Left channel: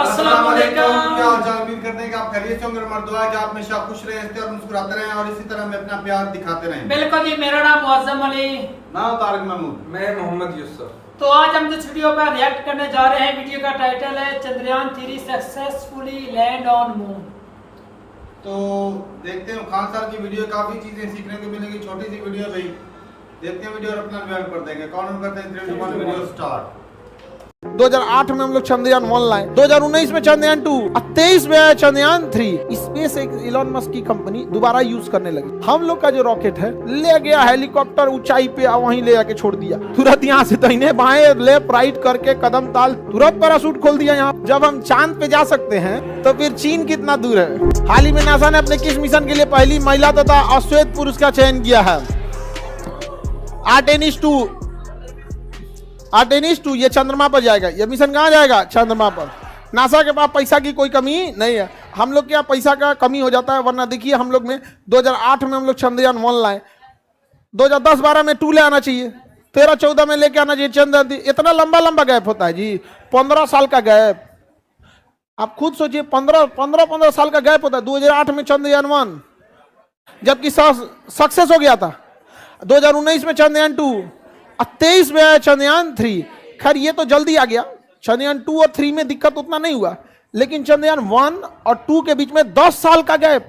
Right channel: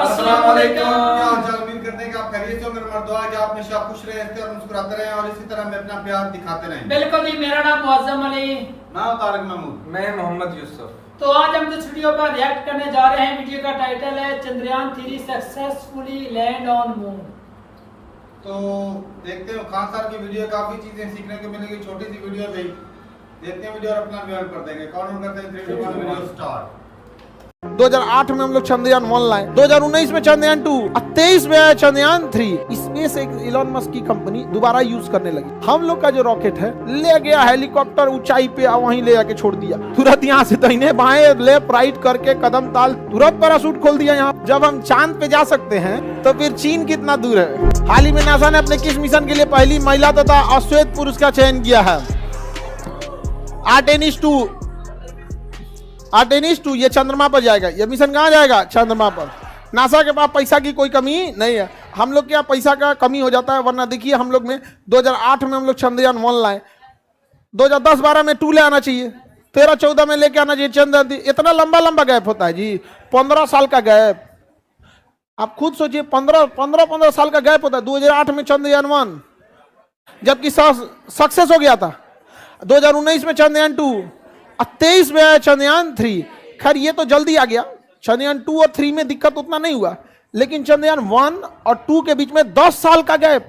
अस्सलाम वालेकुम। क्या हाल चाल? उम्मीद करते हैं कि आप खैरियत से होंगे। हमारी दुआ है कि आप हमेशा खुश रहें, हंसते और मुस्कुराते रहें और इसी तरह हमें अपना प्यार दिखाते रहें। बिल्कुल जी, मेरा नाम मुअज्जम अली, मैं तारिक महमूद, मैं मोहम्मद यूसुफ। तो आज हम जिस वीडियो पर रिएक्ट करने जा रहे हैं, वीडियो का टाइटल है Chandrayaan 3 successfully land on moon. तो देखते हैं खान साहब की वीडियो, काफी चीजें सीखने को मिलेंगी। छोटी सी वीडियो है भाई, देखते हैं वीडियो और अपना रिव्यू कर देंगे। कौन करते हैं वीडियो स्टार्ट। 2008 में हम लोग चंद्रयान 1 लाए, 2019 में चंद्रयान 2, 23 में आया चंद्रयान 3। स्पेस एक इलॉन मस्क की कंपनी दोबारा यूज करने लगी। हम लोग का जो रॉकेट है ले गया हेलीकॉप्टर ऊंचाई पे, वहीं ले जाके छोड़ दिया। तुरंत यहाँ से दाहिने बाएं लेफ्ट राइट करके कदम ताल तुरंत पैराशूट खोल दिया। यहाँ जब हम चांद पे जा सकते हैं तो फिर चीन कितना दूर है। हाल ही में नासा ने अपने किस मिशन के लिए पहली महिला तथा अश्वेत पुरुष का चयन किया है? आर्टेमिस 2 ये चंद्रमा पर जाएगा। ये मिशन कहाँ जाएगा? चंद्रमा पर। नासा के पास पैसा की कोई कमी नहीं है। हम लोग क्या पैसा का कमी हो जाता है? वरना देखिए हम लोग में 2008 में हम लोग चंद्रयान 1 लाए, 2010-12 में 2 ले आना चाहिए, 13-14 में लेके आना चाहिए चंद्रयान। इतना लंबा गैप होता है जी, 15 साल का गैप। आप खुद सोचिए, 15 साल का गैप होता है। 2008 में चंद्रयान 1 जबकि सक्सेस हो गया था, 2019 में चंद्रयान 2, 23 में आया चंद्रयान 3। खैर ये तो जल्दी आ गया। चंद्रयान 2 और 3 में दिक्कत उतना नहीं हुआ, लेकिन चंद्रयान 1 और 2 के बीच में 10 साल का गैप।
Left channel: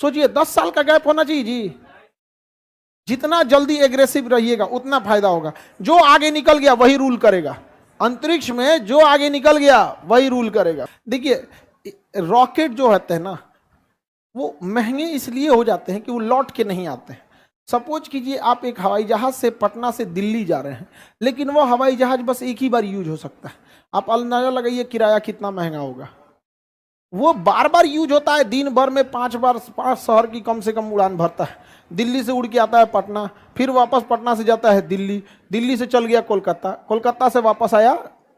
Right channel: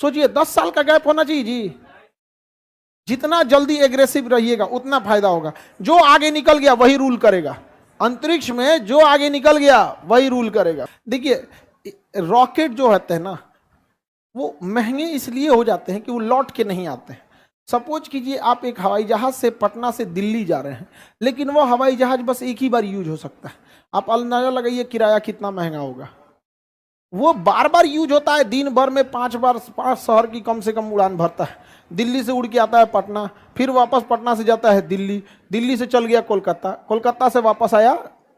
सोचिए 10 साल का गैप होना चाहिए जी। जितना जल्दी एग्रेसिव रहिएगा उतना फायदा होगा। जो आगे निकल गया वही रूल करेगा। अंतरिक्ष में जो आगे निकल गया वही रूल करेगा। देखिए रॉकेट जो होते हैं ना, वो महंगे इसलिए हो जाते हैं कि वो लौट के नहीं आते हैं। सपोज कीजिए आप एक हवाई जहाज से पटना से दिल्ली जा रहे हैं, लेकिन वो हवाई जहाज बस एक ही बार यूज हो सकता है। आप अंदाजा लगाइए किराया कितना महंगा होगा। वो बार बार यूज होता है, दिन भर में 5 शहर की कम से कम उड़ान भरता है। दिल्ली से उड़ के आता है पटना, फिर वापस पटना से जाता है दिल्ली, दिल्ली से चल गया कोलकाता, कोलकाता से वापस आया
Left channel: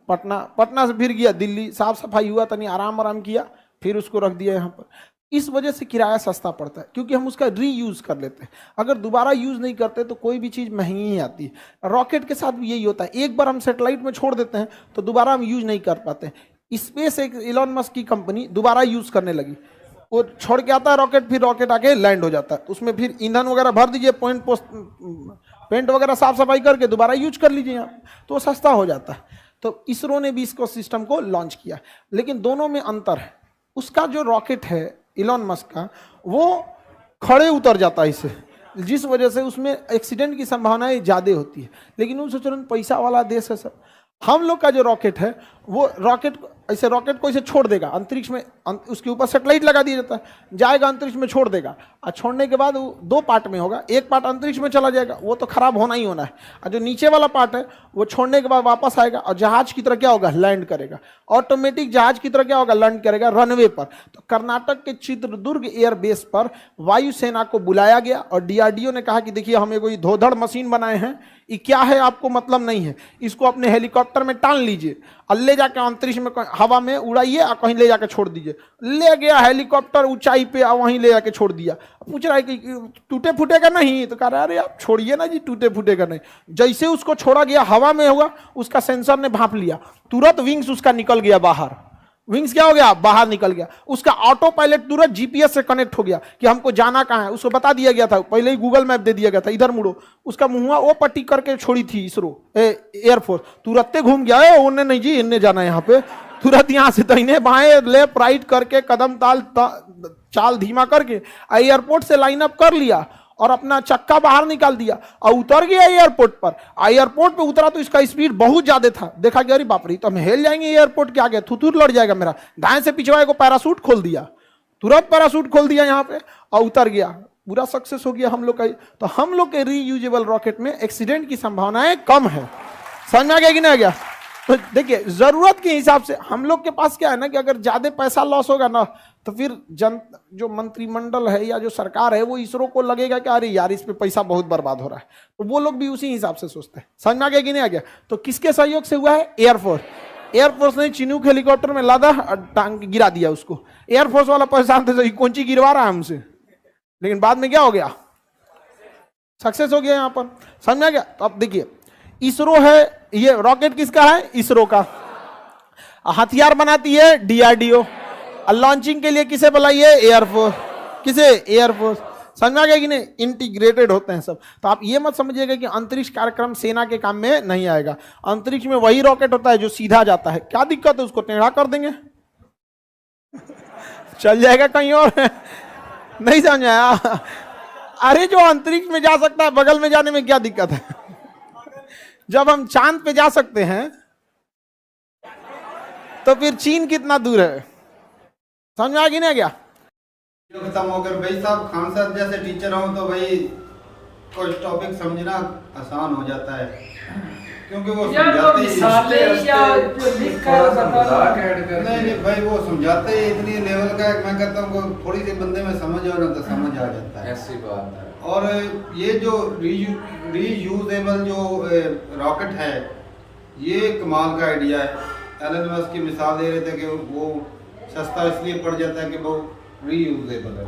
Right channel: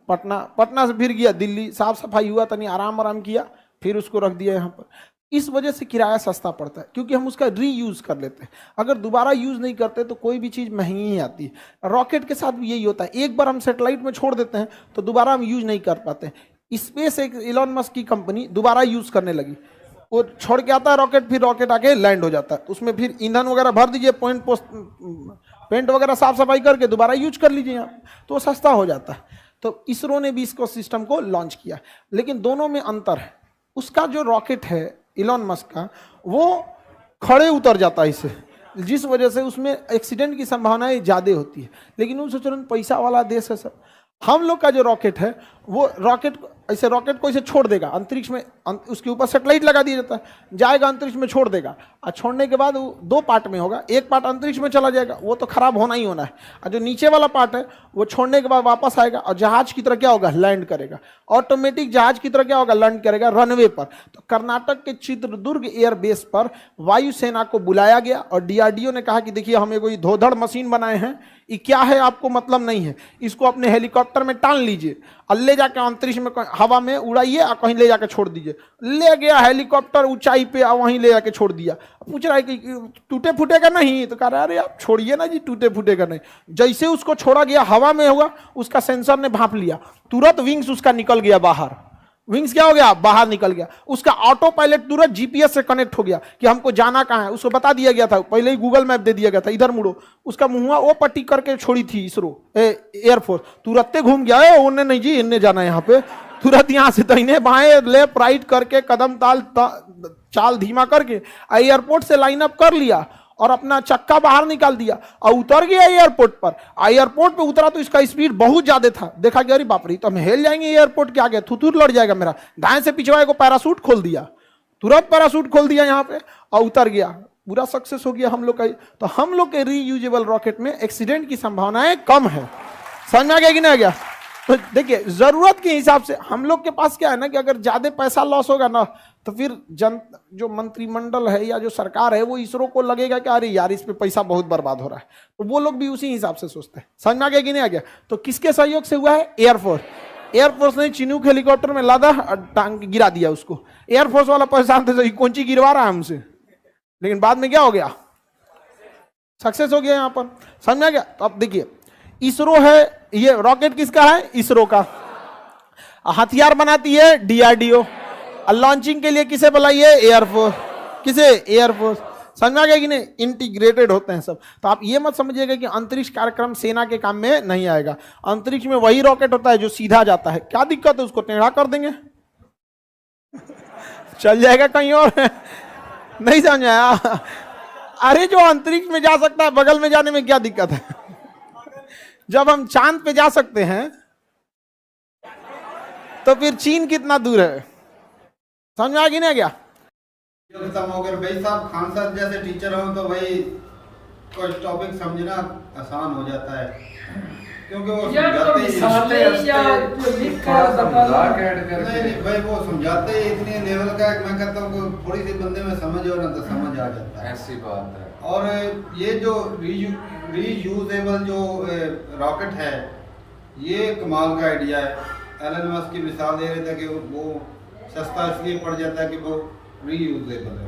पटना, पटना से फिर गया दिल्ली, साफ सफाई हुआ, तनी आराम किया, फिर उसको रख दिया यहाँ पर। इस वजह से किराया सस्ता पड़ता है, क्योंकि हम उसका रीयूज कर लेते हैं। अगर दोबारा यूज नहीं करते तो कोई भी चीज़ महंगी ही आती है। रॉकेट के साथ भी यही होता है, एक बार हम सैटेलाइट में छोड़ देते हैं तो दोबारा हम यूज नहीं कर पाते। स्पेस एक इलॉन मस्क की कंपनी दोबारा यूज करने लगी। वो छोड़ के आता है रॉकेट, फिर रॉकेट आके लैंड हो जाता है। उसमें फिर ईंधन वगैरह भर दीजिए, पेंट वगैरह साफ सफाई करके दोबारा यूज कर लीजिए यहाँ, तो वो सस्ता हो जाता है। तो इसरो ने भी इसको सिस्टम को लॉन्च किया, लेकिन दोनों में अंतर है। उसका जो रॉकेट है इलॉन मस्क का, वो खड़े उतर जाता है इससे, जिस वजह से उसमें एक्सीडेंट की संभावनाएं ज़्यादा होती है। लेकिन उन सोच रहे पैसा वाला देश है सर। हम लोग का जो रॉकेट है वो रॉकेट को ऐसे छोड़ देगा अंतरिक्ष में, उसके ऊपर सैटेलाइट लगा दिया जाता है, जाएगा अंतरिक्ष में छोड़ देगा, और छोड़ने के बाद वो 2 पार्ट में होगा। एक पार्ट अंतरिक्ष में चला जाएगा, वो तो खराब होना ही होना है, और जो नीचे वाला पार्ट है वो छोड़ने के बाद वापस आएगा और जहाज की तरह क्या होगा? लैंड करेगा। ऑटोमेटिक जहाज की तरह क्या होगा? लैंड करेगा रनवे पर। तो कर्नाटक के चित्रदुर्ग एयरबेस पर वायुसेना को बुलाया गया और डीआरडीओ ने कहा कि देखिए हम कोई धोधड़ मशीन बनाए हैं, ये क्या है आपको मतलब नहीं है, इसको अपने हेलीकॉप्टर में टान लीजिए और ले जाकर अंतरिक्ष में हवा में उड़ाइए और कहीं ले जाकर छोड़ दीजिए। ले गया हेलीकॉप्टर ऊंचाई पे और वहीं ले जाके छोड़ दिया। पूछ रहा है कि टूटे फूटेगा नहीं? तो कह रहा है अरे आप छोड़िए ना जी, टूटे फूटेगा नहीं। जैसे उसको छोड़ा गया हवा में होगा, उसका सेंसर ने भांप लिया, तुरंत विंग्स उसका निकल गया बाहर। विंग्स क्या हो गया? बाहर निकल गया। उसका ऑटो पायलट तुरंत जीपीएस से कनेक्ट हो गया कि हमको जाना कहाँ है, उसको बता दिया गया था, पहले ही गूगल मैप दे दिया गया था, इधर मुड़ो। उसका मुंह वो पट्टी करके छोड़ी थी इसरो एयरफोर्स, तुरंत घूम गया, उन्हें नहीं जी इन्हें जाना है यहाँ पे। तुरंत यहाँ से दाहिने बाएं लेफ्ट राइट करके कदम ताल चाल धीमा करके एयरपोर्ट से लाइन अप कर लिया और अपना चक्का बाहर निकाल दिया और उतर गया एयरपोर्ट पर। एयरपोर्ट पे उतरा तो इसका स्पीड बहुत ज्यादा था। देखा कि अरे बाप रे, तो हम हिल जाएंगे एयरपोर्ट के आगे, थुथुर लड़ जाएगा मेरा। दाएं से पिछवाए को पैराशूट खोल दिया, तुरंत पैराशूट खोल दिया यहाँ पे और उतर गया। पूरा सक्सेस हो गया हम लोग का। तो हम लोग के रीयूजेबल रॉकेट में एक्सीडेंट की संभावनाएं कम है। समझ में आ गया कि नहीं आ गया? तो देखिए जरूरत के हिसाब से हम लोग के पास क्या है ना, कि अगर ज्यादा पैसा लॉस होगा ना, तो फिर जो मंत्रिमंडल है या जो सरकार है वो इसरो को लगेगा कि अरे यार इस पे पैसा बहुत बर्बाद हो रहा है, तो वो लोग भी उसी हिसाब से सोचते हैं। समझ में आ गया कि नहीं आ गया? तो किसके सहयोग से हुआ है? एयरफोर्स ने चिनूक हेलीकॉप्टर में लादा और टांग गिरा दिया उसको। एयरफोर्स वाला परेशान थे, कौन सी गिरवा रहा है हमसे, लेकिन बाद में क्या हो गया? सक्सेस हो गया यहाँ पर। समझ में आ गया? तो अब देखिए इसरो है, ये रॉकेट किसका है? इसरो का। हथियार बनाती है डीआरडीओ, और लॉन्चिंग के लिए किसे बुलाइए? एयरफोर्स। किसे? एयरफोर्स। समझ में आ गया कि नहीं? इंटीग्रेटेड होते हैं सब। तो आप ये मत समझिएगा कि अंतरिक्ष कार्यक्रम सेना के काम में नहीं आएगा। अंतरिक्ष में वही रॉकेट होता है जो सीधा जाता है। क्या दिक्कत है? उसको टेढ़ा कर देंगे, चल जाएगा कहीं और। नहीं समझ आया? अरे जो अंतरिक्ष में जा सकता है, बगल में जाने में क्या दिक्कत है? जब हम चांद पे जा सकते हैं तो फिर चीन कितना दूर है? समझ में आ गई ना क्या? जो खत्म हो गया भाई साहब, खान साहब जैसे टीचर हो तो भाई कोई टॉपिक समझना आसान हो जाता है, क्योंकि वो समझाते ही नहीं भाई, वो समझाते ही इतनी लेवल का है, मैं कहता हूँ थोड़ी सी बंदे में समझ हो ना तो समझ आ जाता है। ऐसी बात है। और ये जो रीयूजेबल जो रॉकेट है, ये कमाल का आइडिया है। एलन मस्क की मिसाल दे रहे थे कि वो सस्ता इसलिए पड़ जाता है कि वो रीयूजेबल है,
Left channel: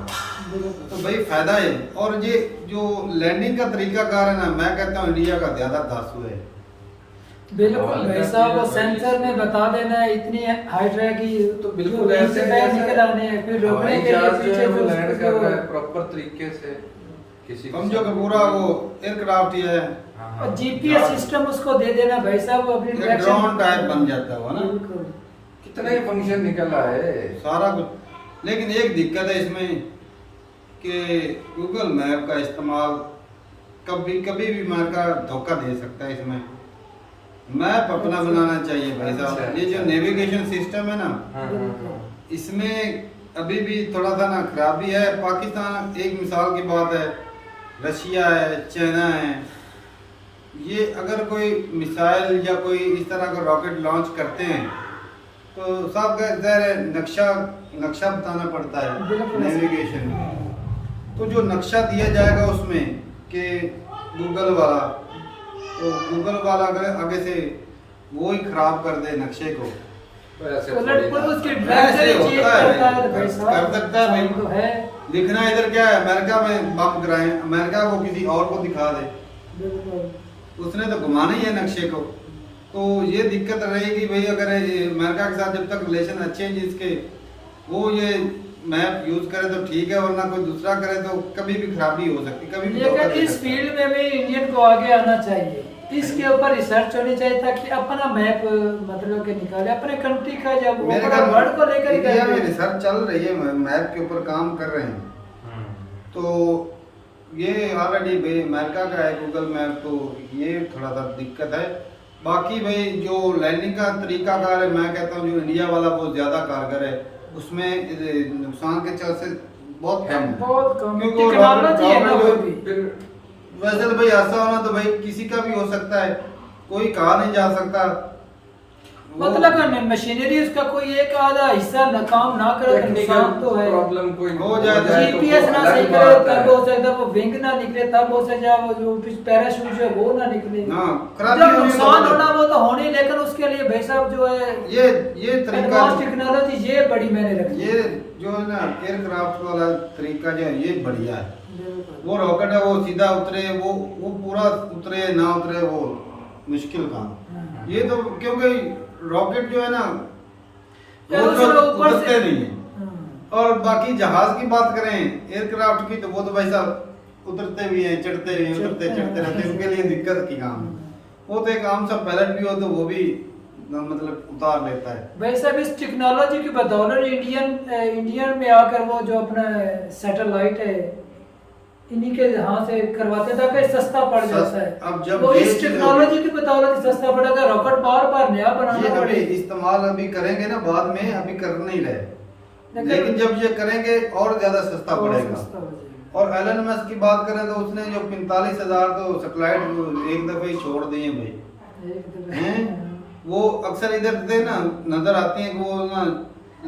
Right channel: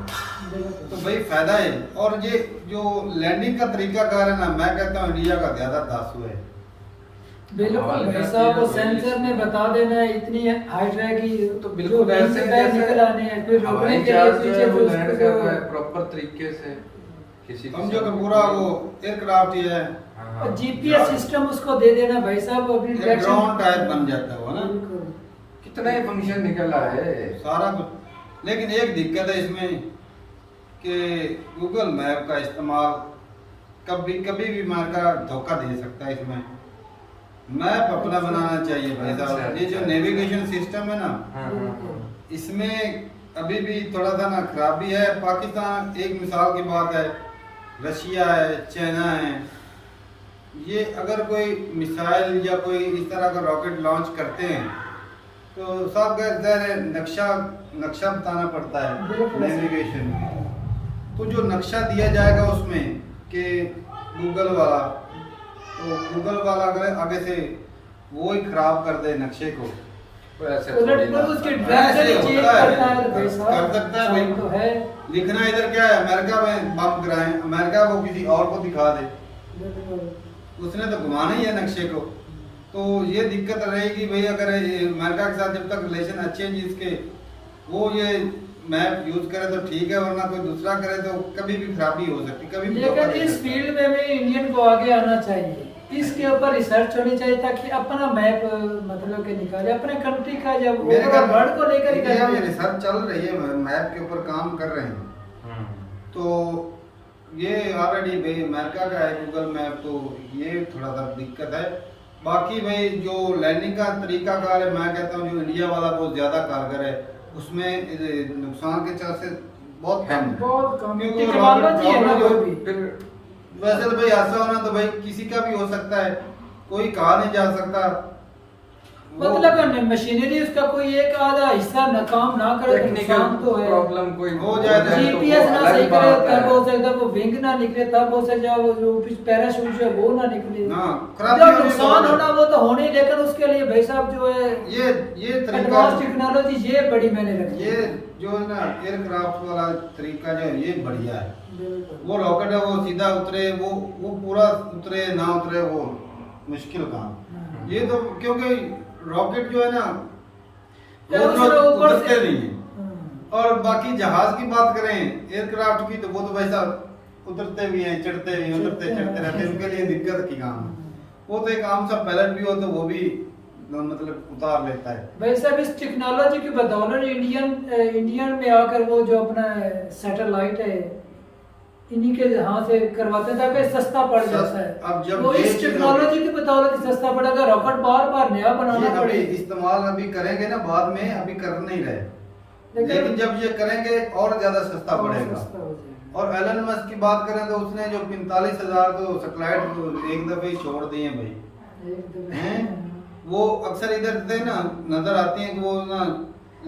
तो भाई फायदा है। और ये जो लैंडिंग का तरीका कार है ना, मैं कहता हूँ इंडिया का ज्यादा दासू है। बिल्कुल भाई साहब, वो सेंसर में बता देना है इतनी हाइट रहेगी तो बिल्कुल ऐसे निकल आने हैं, फिर रोकने के लिए पीछे वो लैंड कर रहा है प्रॉपर तरीके से। किसी समझो कि पूरा वो एयरक्राफ्ट ही है, और जीपीएस सिस्टम उसको दे देना भाई साहब, वो भी ड्रोन टाइप बन जाता है ना, कितना ही फंक्शन निकला है सारा कुछ। लेकिन एक दिक्कत है इसमें कि गूगल मैप का इस्तेमाल कभी कभी भी मार का धोखा दे सकता है। इसमें मैप अपना बनाना चाहिए भाई साहब। ये जो नेविगेशन सिस्टम है ना, इसमें अभी भी थोड़ा सा ना खराबी है। पाकिस्तान एक मिसाल की बात है, रशिया है, चाइना है, ये अगर कोई मिसाइल या कोई इस तरह का रॉकेट लॉन्च करते हैं तो साहब नक्शा बताना पड़ता है, नेविगेशन। तो जो नक्शा दिया जाएगा उसमें कि गूगल वाला, तो गूगल वाला अगर आगे से वो ही खराब कर दे नक्शे को, ऐसे ऐसे होता है, कर सकता है भाई। लिखना इधर क्या है, अमेरिका में बम गिराएं, अमेरिका को किसी और को दिखा दे, उसने तो घुमाना ही है नक्शे को। तो ये दिक्कत रहेगी भाई, अगर अमेरिका के साथ जब तक रिलेशन अच्छे हैं जिसके, वो ये मैप यूज करे तो ठीक है, वरना कोई दूसरा करे तो कभी भी खराबी हो सकती, कभी भी धोखा दे सकता है। इस फील्ड में भी इंडियन को आगे आना चाहिए, इसके ऊपर रिसर्च होनी चाहिए ताकि अपना मैप मतलब के निकाले अपने कंट्री का। जब मेरे घर वर्ल्ड को लेकर इंडिया में रिसर्च चल रही है, मैप के ऊपर काम कर रहे हैं। तो ये ऑलरेडी भाई अमेरिका का है गूगल मैप, तो ये थोड़ा सा दिक्कत है। बाकी भाई जो लैंडिंग का तरीका कार है, मैं कहता हूँ जो इंडिया वाला वो ज्यादा कारगर है, उसमें नुकसान के चांसेस बहुत कम है, क्योंकि वो रॉकेट जो फिर वैसे तो भाई ऐसा होना तो भाई किसी का भी हो सकता है, कोई कहा नहीं जा सकता। मतलब मशीनरी उसका कोई एक आधा हिस्सा काम ना करे, नुकसान तो है, प्रॉब्लम कोई हो जाए तो जीपीएस ना सही करे तब हो सकता है, वो विंग ना निकले तब हो सकता है, वो जो पैराशूट जो वो ना निकले ना, जब नुकसान होना वो तो होने, लेकिन उसके लिए भाई साहब जो है ये तरीका, टेक्नोलॉजी ये बड़ी मैंने रखी ये जो है ना एयरक्राफ्ट वाला तरीका जो है ये बढ़िया है। वो रॉकेट है, वो सीधा उतरे, वो पूरा उतरे ना उतरे वो मुश्किल काम। ये तो क्योंकि रॉकेट जो है ना रोज उतरते नहीं है। और बाकी जहाज की बात करें एयरक्राफ्ट की, तो वो तो भाई साहब उतरते भी हैं, चढ़ते भी हैं, उतरते चढ़ते रहते हैं, उनके लिए दिक्कत की काम है। वो तो एक आम सा पायलट भी हो तो वो भी मतलब उतार लेता है। वैसे भी इस टेक्नोलॉजी की बदौलत इंडियन में आकर वो जो अपना सैटेलाइट है इन्हीं के हाथ से करवाते हैं ताकि सस्ता पड़ जाता है। अब जब वो इस टेक्नोलॉजी की बदौलत सस्ता पड़ेगा, रॉकेट बार बार नया बनाना पड़ेगा। अभी इस्तेमाल अभी करेंगे ना, बाद में अभी कर नहीं रहे, लेकिन जब ये करेंगे और ज्यादा सस्ता पड़ेगा। और एलन मस्क की बात करें तो उसने जो 45,000 तो सैटेलाइट एक दफे ही छोड़ दिए भाई हैं। वो अक्सर इधर से ना नजर आती हैं कि वो ना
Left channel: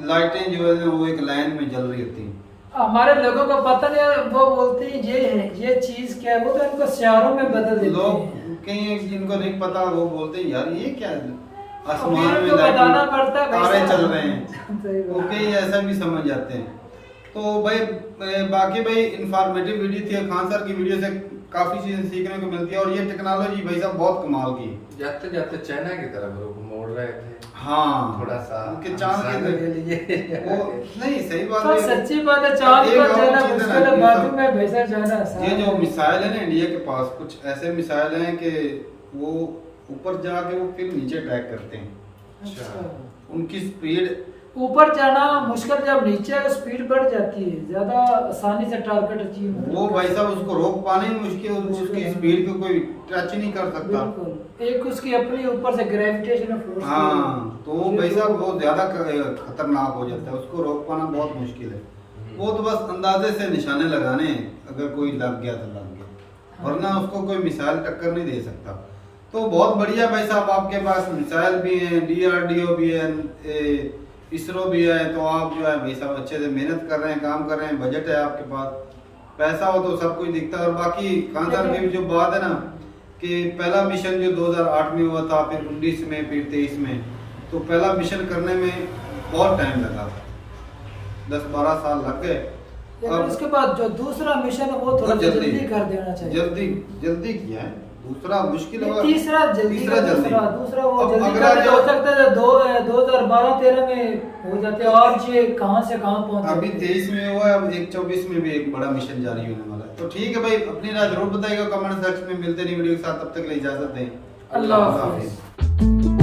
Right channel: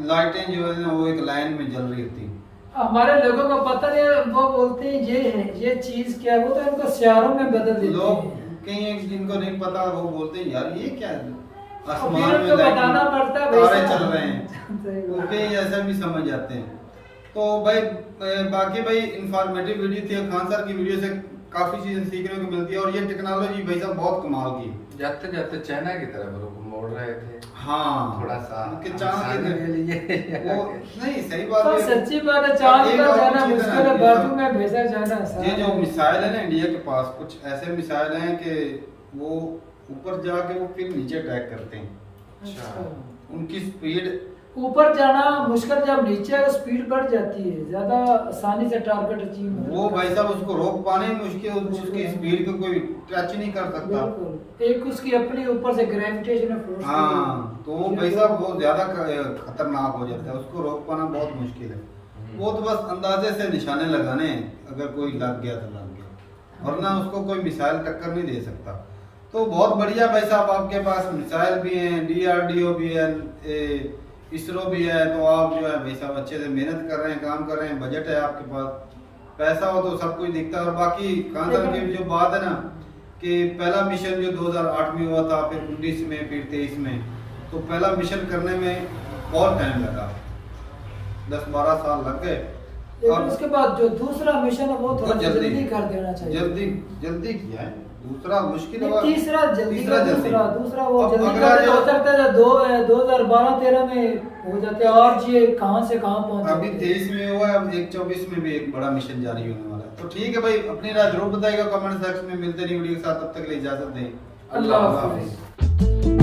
लाइटें जो है वो एक लाइन में जल रही होती हैं। हमारे लोगों को पता नहीं, वो बोलते हैं ये चीज क्या है, वो तो इनको शहरों में बदल देते हैं। लोग कई जिनको नहीं पता वो बोलते हैं यार ये क्या है, आसमान में बताना पड़ता है, तारे चल रहे हैं, वो कई ऐसा भी समझ जाते हैं। तो भाई बाकी भाई इंफॉर्मेटिव वीडियो थी, खान सर की वीडियो से काफी चीजें सीखने को मिलती है। और ये टेक्नोलॉजी भाई साहब बहुत कमाल की है। जाते जाते चाइना की तरफ रुख मोड़ रहे थे हाँ थोड़ा सा उनके चांद आसानी के लिए वो नहीं सही बात तो है। सच्ची बात है, चांद एक पर और जाना चीज़ है ना, मुश्किल है, ये बाजू सब- में भेजा जाना आसान ये जो है। मिसाइल है ना इंडिया के पास, कुछ ऐसे मिसाइल हैं कि वो ऊपर जाके वो फिर नीचे अटैक करते हैं। अच्छा। उनकी स्पीड ऊपर जाना मुश्किल, जब नीचे है स्पीड बढ़ जाती है, ज्यादा आसानी से टारगेट अचीव नहीं वो होता। भाई साहब उसको रोक पाना ही मुश्किल, उसकी स्पीड को कोई टच नहीं कर सकता। बिल्कुल, एक उसकी अपनी ऊपर से ग्रेविटेशनल फोर्स। हाँ तो वो भाई साहब बहुत ज्यादा खतरनाक हो जाता है, उसको रोक पाना बहुत मुश्किल है। वो तो बस अंदाजे से निशाने लगाने हैं, अगर कोई लग गया तो लग गया, वरना उसको कोई मिसाइल टक्कर नहीं दे सकता। तो बहुत बढ़िया भाई साहब, आपके पास मिसाइल भी हैं, DRDO भी है, इसरो भी है, तो आप जो है भाई साहब अच्छे से मेहनत कर रहे हैं, काम कर रहे हैं, बजट है आपके पास, पैसा हो तो सब कुछ दिखता है। और बाकी खान साहब की जो बात है ना कि पहला मिशन जो 2008 में हुआ था, फिर 19 में, फिर 23 में, तो पहला मिशन करने में बहुत टाइम लगा, 10-12 साल लग गए। लेकिन उसके बाद जो दूसरा मिशन है वो थोड़ा बहुत जल्दी- जल्दी कर देना चाहिए। जल्दी किया है, दूसरा मुश्किल हुआ, तीसरा जल्दी, तीसरा जल्दी। दूसरा वो अब जल्दी अगला कर दे, जो- हो सकता है 2012-13 में हो जाते हैं। आज ये कहाँ से कहाँ पहुँच अभी जाते हैं। 23 में हुआ है, अब 24 में भी एक बड़ा मिशन जारी होने वाला है। तो ठीक है भाई, अपनी राय जरूर बताइएगा कमेंट सेक्शन में। मिलते नहीं वीडियो के साथ, तब तक के लिए इजाजत दें। अल्लाह हाफिज़।